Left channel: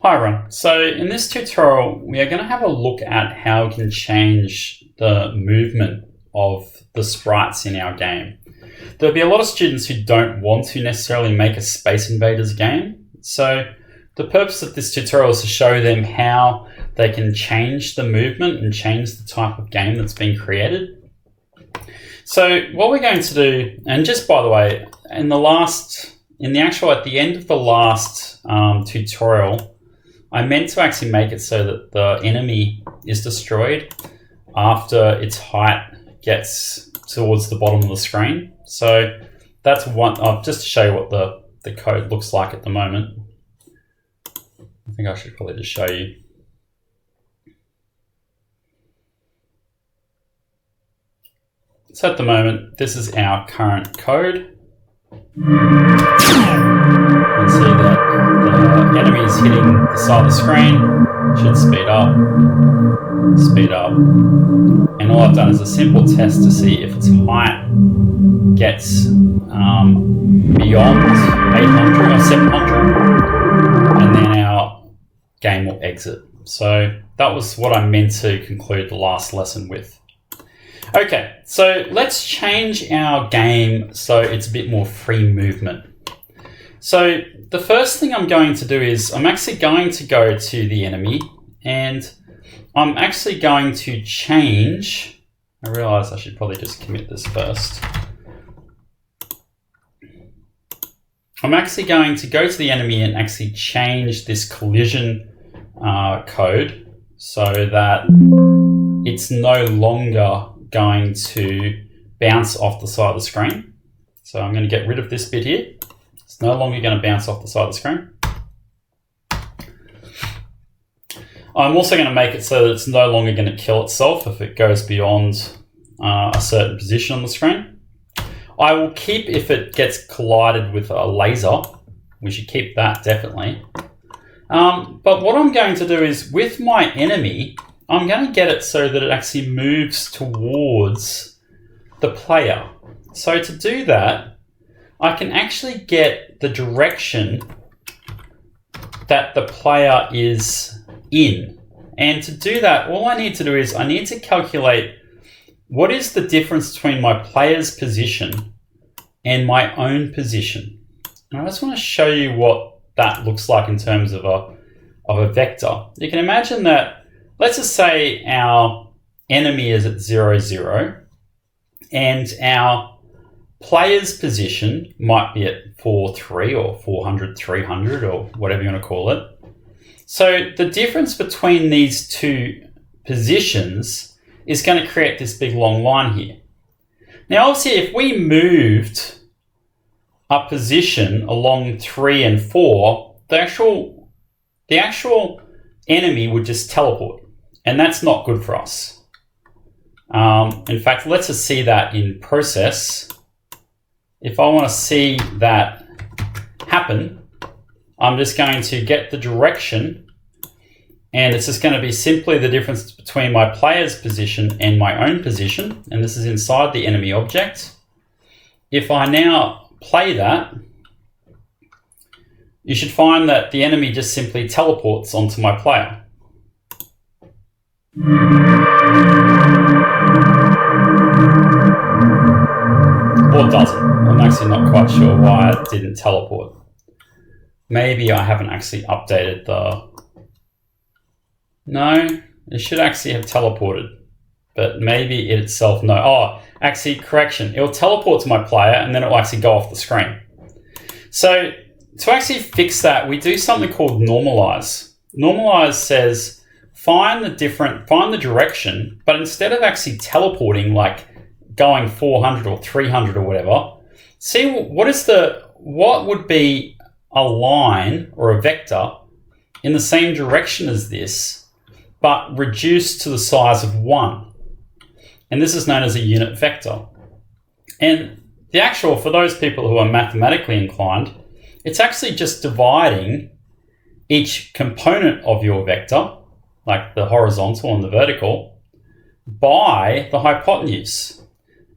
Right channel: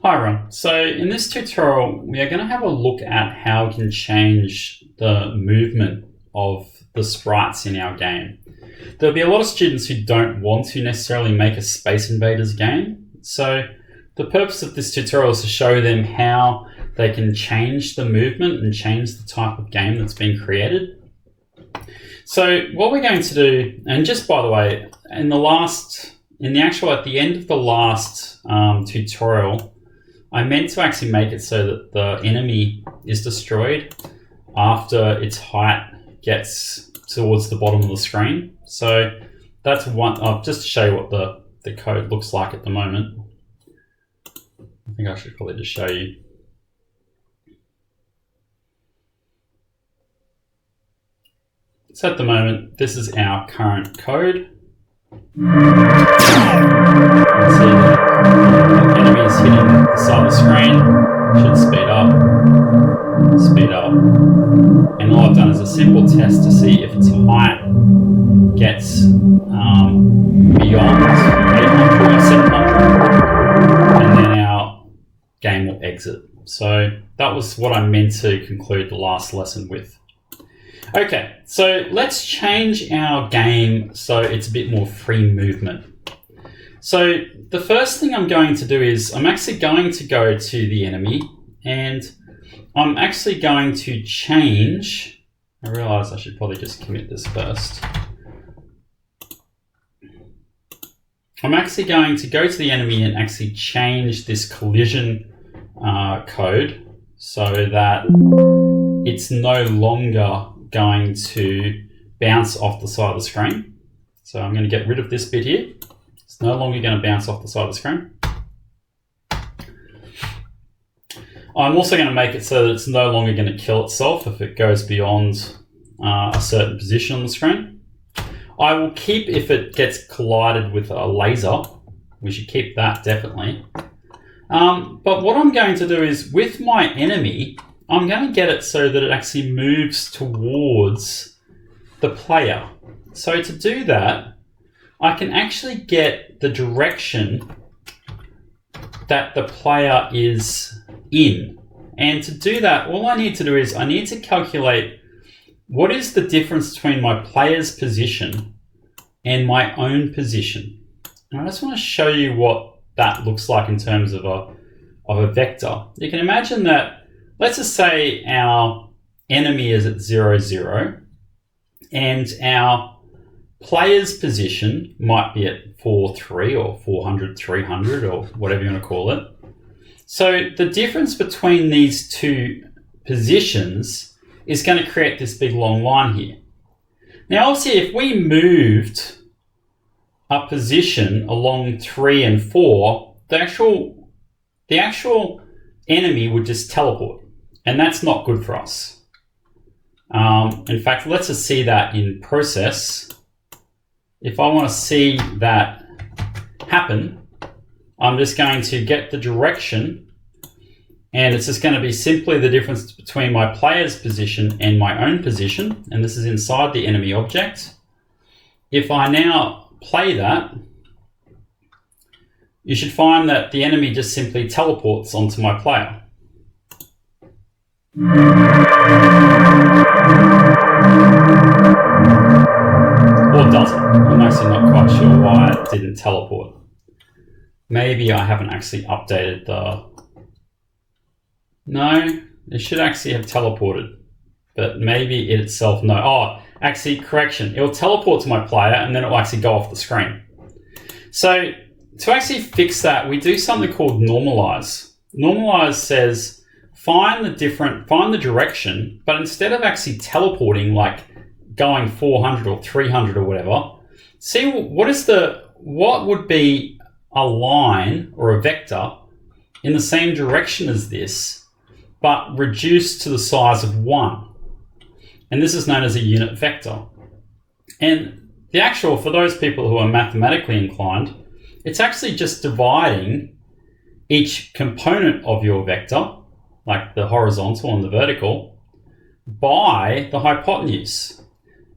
Hi everyone. So in this tutorial, we are going to have a look at how we can change the movement of the sprites in our game. There'll be a lot of students who don't want to necessarily make a Space Invaders game. So the purpose of this tutorial is to show them how they can change the movement and change the type of game that's been created. So what we're going to do, and just by the way, at the end of the last tutorial, I meant to actually make it so that the enemy is destroyed after its height gets towards the bottom of the screen. So that's one, just to show you what the code looks like at the moment. I think I should probably just show you. So at the moment, this is our current code. You can see that the enemy is hitting the side of the screen. Should speed up, and all I've done is a simple test to see if its height gets beyond 800 or 700, and then our game will exit. So that was what I meant to conclude the last lesson with. Okay, so let's change our game so it's a bit more free movement. So the first thing I'm going to do is I'm actually going to go to the enemy and I'm actually going to change. I realize I should probably just commit this first. I'm actually going to go to the enemy and actually change this collision code so that it's no longer going to bounce off the side of the screen. So I'm going to get rid of this bit here. It's no longer going to bounce off the side of the screen. I'm also going to make it so that it's no longer going to kill itself if it goes beyond a certain position on the screen. I will keep if it gets collided with a laser. We should keep that definitely. But what I'm going to do is with my enemy, I'm going to get it so that it actually moves towards the player. So to do that, I can actually get the direction that the player is in. And to do that, all I need to do is I need to calculate what is the difference between my player's position and my own position. And I just want to show you what that looks like in terms of a vector. You can imagine that, let's just say our enemy is at 0, 0, and our player's position might be at 4, 3, or 400, 300, or whatever you want to call it. So the difference between these two positions is going to create this big long line here. Now, obviously, if we moved a position along 3 and 4, the actual enemy would just teleport. And that's not good for us. In fact, let's just see that in process. If I want to see that happen, I'm just going to get the direction, and it's just going to be simply the difference between my player's position and my own position, and this is inside the enemy object. If I now play that, you should find that the enemy just simply teleports onto my player. Or doesn't. I'm actually not quite sure why it didn't teleport. Maybe I haven't actually updated the... No, it should actually have teleported. But maybe it itself, no. Oh, actually, correction. It'll teleport to my player and then it will actually go off the screen. So to actually fix that, we do something called normalize. Normalize says find the direction, but instead of actually teleporting, like going 400 or 300 or whatever, see what would be a line or a vector in the same direction as this, but reduced to the size of 1. And this is known as a unit vector. And the actual, for those people who are mathematically inclined, it's actually just dividing each component of your vector, like the horizontal and the vertical, by the hypotenuse.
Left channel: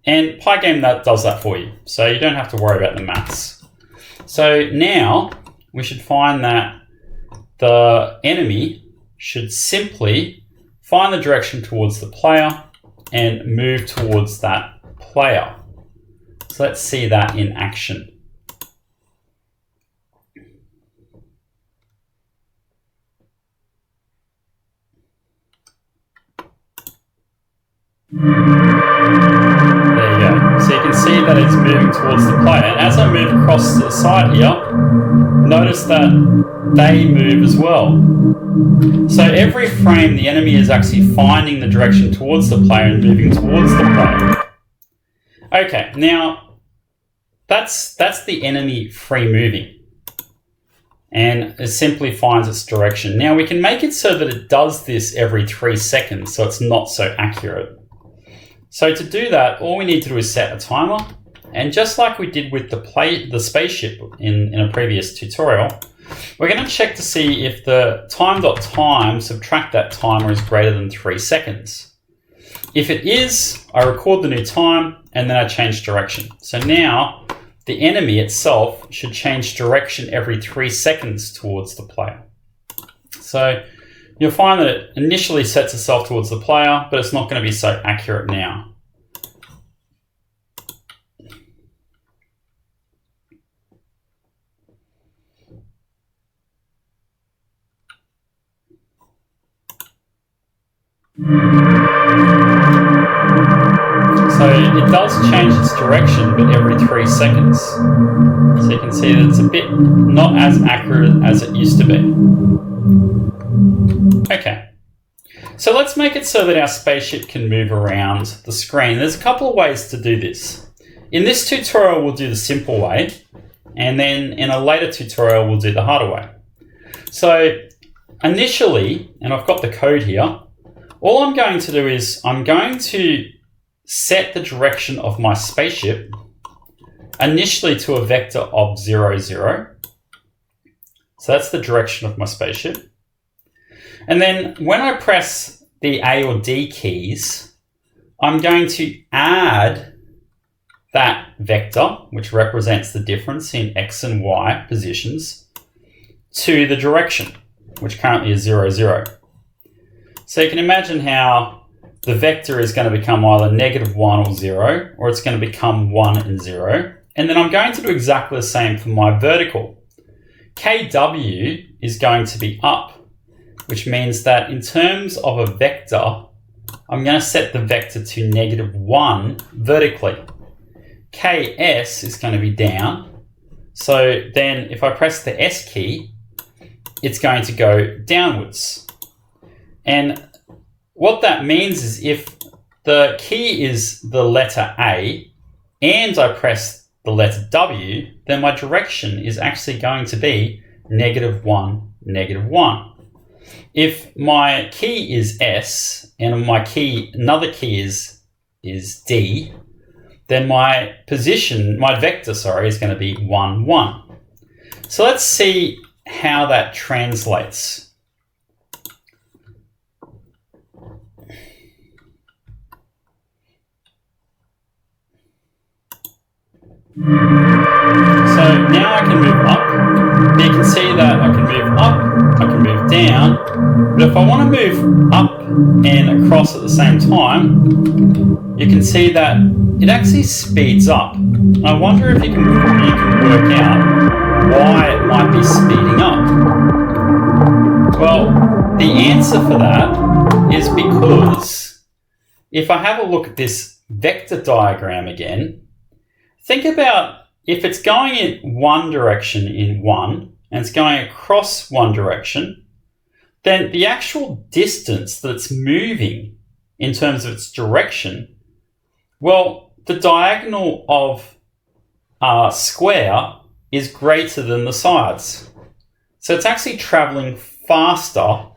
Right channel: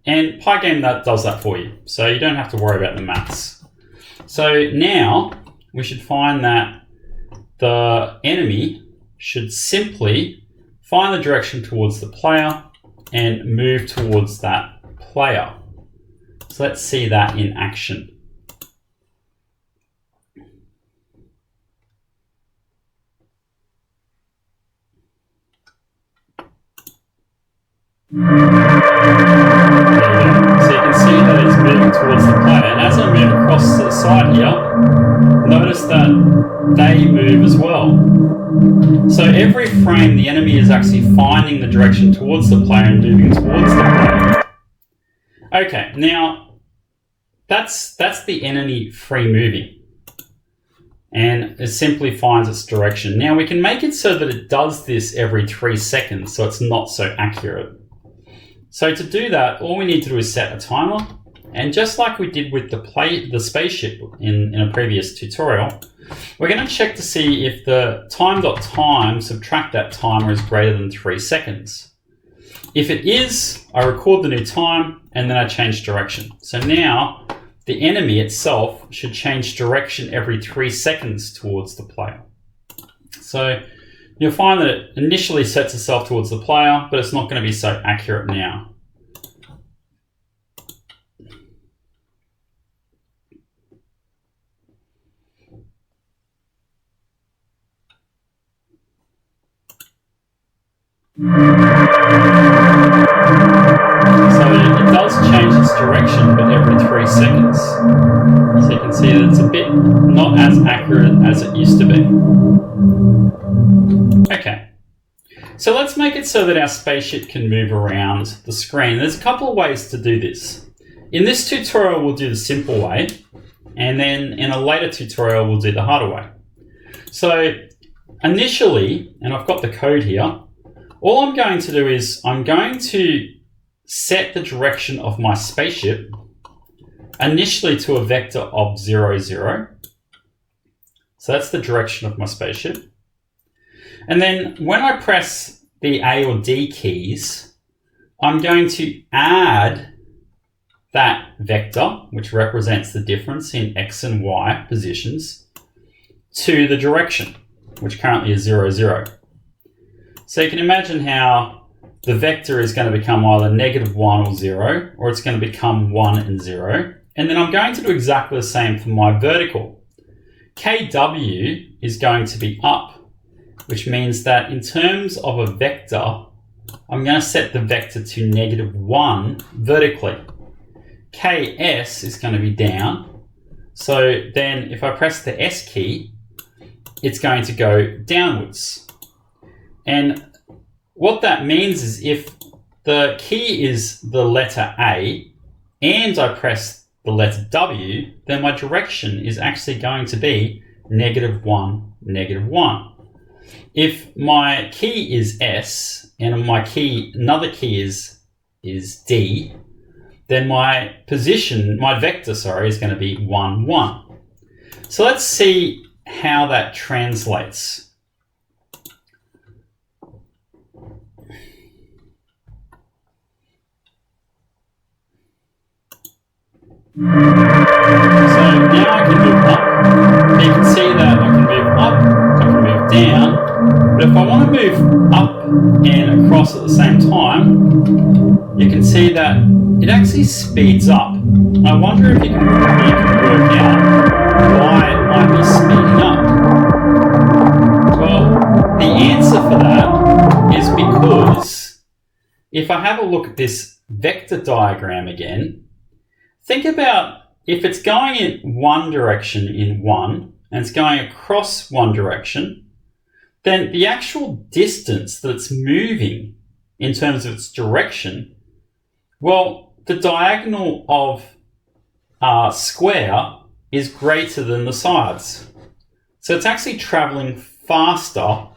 And Pygame does that for you, so you don't have to worry about the maths. So now we should find that the enemy should simply find the direction towards the player and move towards that player. So let's see that in action. There you go. So you can see that it's moving towards the player. And as I move across to the side here, notice that they move as well. So every frame, the enemy is actually finding the direction towards the player and moving towards the player. Okay, now that's the enemy free moving. And it simply finds its direction. Now we can make it so that it does this every 3 seconds, so it's not so accurate. So to do that, all we need to do is set a timer. And just like we did with the spaceship in a previous tutorial, we're going to check to see if the time.time subtract that timer is greater than 3 seconds. If it is, I record the new time and then I change direction. So now the enemy itself should change direction every 3 seconds towards the player. So you'll find that it initially sets itself towards the player, but it's not going to be so accurate now. So it does change its direction, but every 3 seconds. So you can see that it's a bit not as accurate as it used to be. Okay, so let's make it so that our spaceship can move around the screen. There's a couple of ways to do this. In this tutorial, we'll do the simple way, and then in a later tutorial, we'll do the harder way. So initially, and I've got the code here, all I'm going to do is I'm going to set the direction of my spaceship initially to a vector of 0, 0. So that's the direction of my spaceship. And then when I press the A or D keys, I'm going to add that vector, which represents the difference in X and Y positions, to the direction, which currently is 0, 0. So you can imagine how the vector is going to become either -1 or 0, or it's going to become 1 and 0. And then I'm going to do exactly the same for my vertical. KW is going to be up, which means that in terms of a vector, I'm going to set the vector to -1 vertically. KS is going to be down. So then if I press the S key, it's going to go downwards. And what that means is if the key is the letter A and I press the letter W, then my direction is actually going to be -1, -1. If my key is S and another key is D, then my vector, is going to be 1, 1. So let's see how that translates. So now I can move up. You can see that I can move up, I can move down. But if I want to move up and across at the same time, you can see that it actually speeds up. I wonder if you can work out why it might be speeding up. Well, the answer for that is because if I have a look at this vector diagram again, think about if it's going in one direction in 1 and it's going across one direction, then the actual distance that it's moving in terms of its direction, well, the diagonal of a square is greater than the sides. So it's actually traveling faster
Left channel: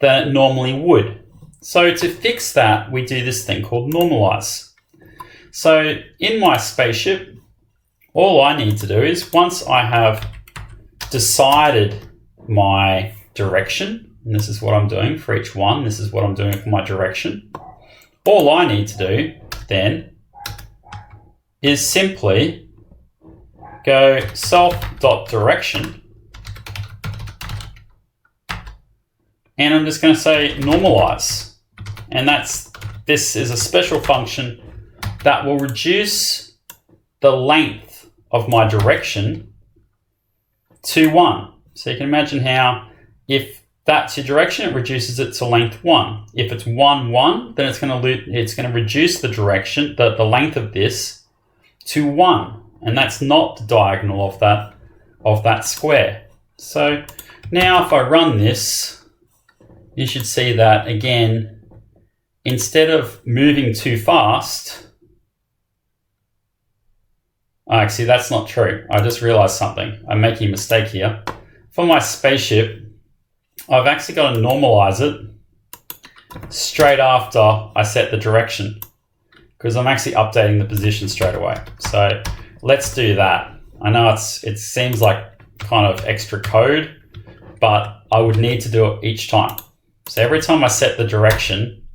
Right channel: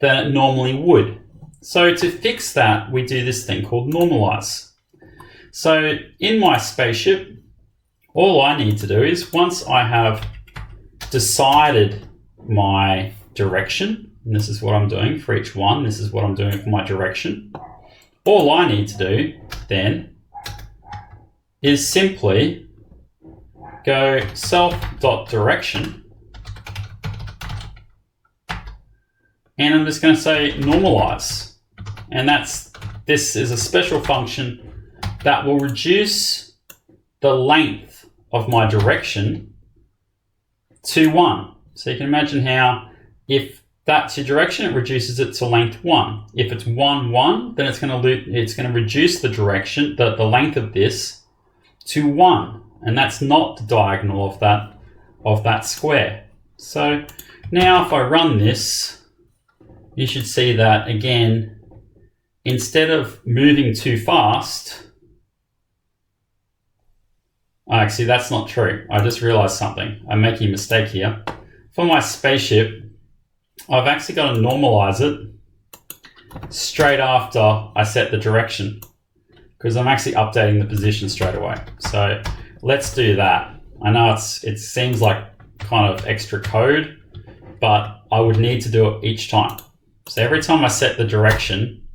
than it normally would. So to fix that, we do this thing called normalize. So in my spaceship, all I need to do is once I have decided my direction, and this is what I'm doing for each one, this is what I'm doing for my direction, all I need to do then is simply go self.direction and I'm just going to say normalize. And this is a special function that will reduce the length of my direction to 1. So you can imagine how if that's your direction, it reduces it to length 1. If it's 1, 1, then it's going to reduce the direction, the length of this to 1. And that's not the diagonal of that square. So now if I run this, you should see that again, instead of moving too fast, actually that's not true. I just realized something. I'm making a mistake here. For my spaceship, I've actually got to normalize it straight after I set the direction, because I'm actually updating the position straight away. So let's do that. I know it seems like kind of extra code, but I would need to do it each time. So every time I set the direction,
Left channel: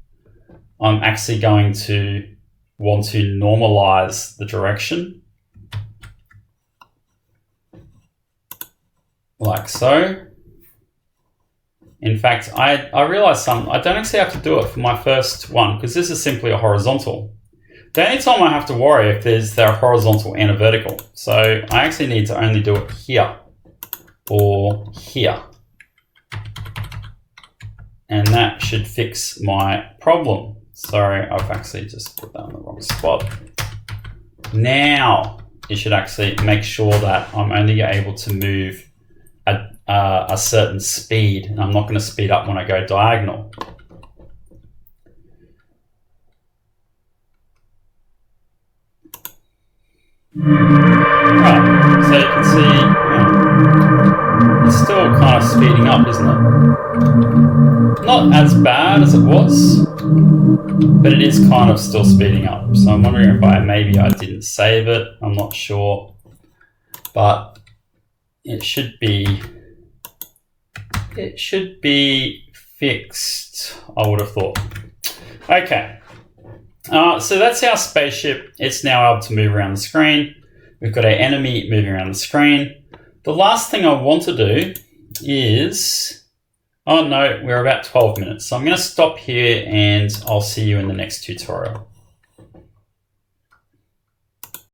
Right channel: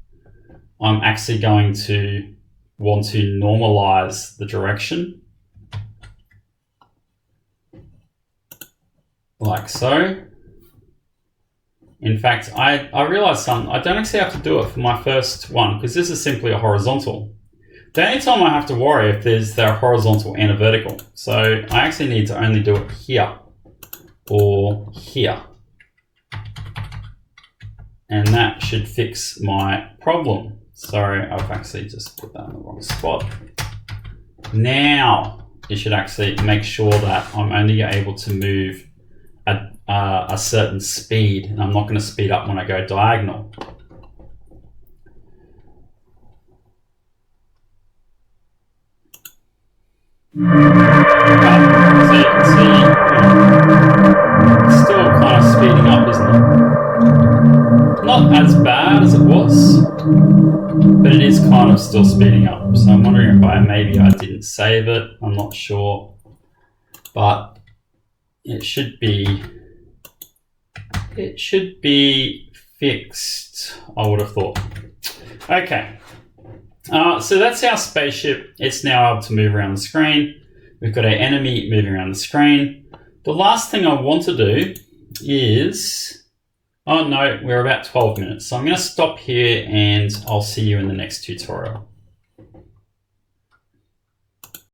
I'm actually going to want to normalize the direction like so. In fact, I realized something. I don't actually have to do it for my first one because this is simply a horizontal. The only time I have to worry if they're horizontal and a vertical. So I actually need to only do it here or here. And that should fix my problem. Sorry, I've actually just put that in the wrong spot. Now it should actually make sure that I'm only able to move a certain speed, and I'm not going to speed up when I go diagonal. Oh, so you can see it's still kind of speeding up, isn't it? Not as bad as it was, but it is kind of still speeding up. So I'm wondering if maybe I didn't save it. I'm not sure, but it should be fixed, I would have thought. Okay, so that's our spaceship. It's now able to move around the screen. We've got our enemy moving around the screen. The last thing I want to do is, oh no, we're about 12 minutes. So I'm going to stop here and I'll see you in the next tutorial.